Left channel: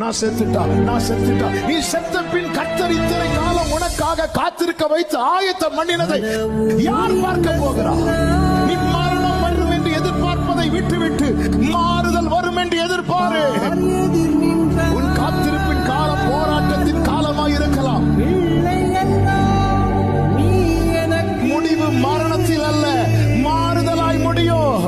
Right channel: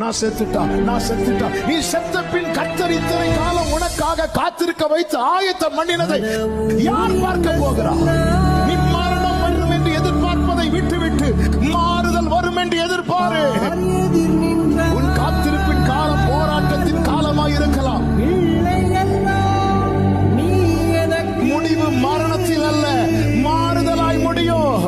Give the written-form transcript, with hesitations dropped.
நான் செத்துட்டா நீ செத்த பின் கர்த்தர் இத்தனை காலம் உனக்காக காத்திருக்க வைத்து ஆயத்தம் பண்ணினதை யார் பார்க்க போகிறார்? நீ மரணம் வரும் என்று எதிர்பார்ப்பதை விட்டுவிட்டு மாறுதல் வரும் என்று எதிர்பாரு. உன் காத்திருப்பின் காலம் போராட்டத்தின் காலமாய் இருக்கலாம். முடிவு மரணத்தில் அல்ல, மாறுதலாய் முடியும்.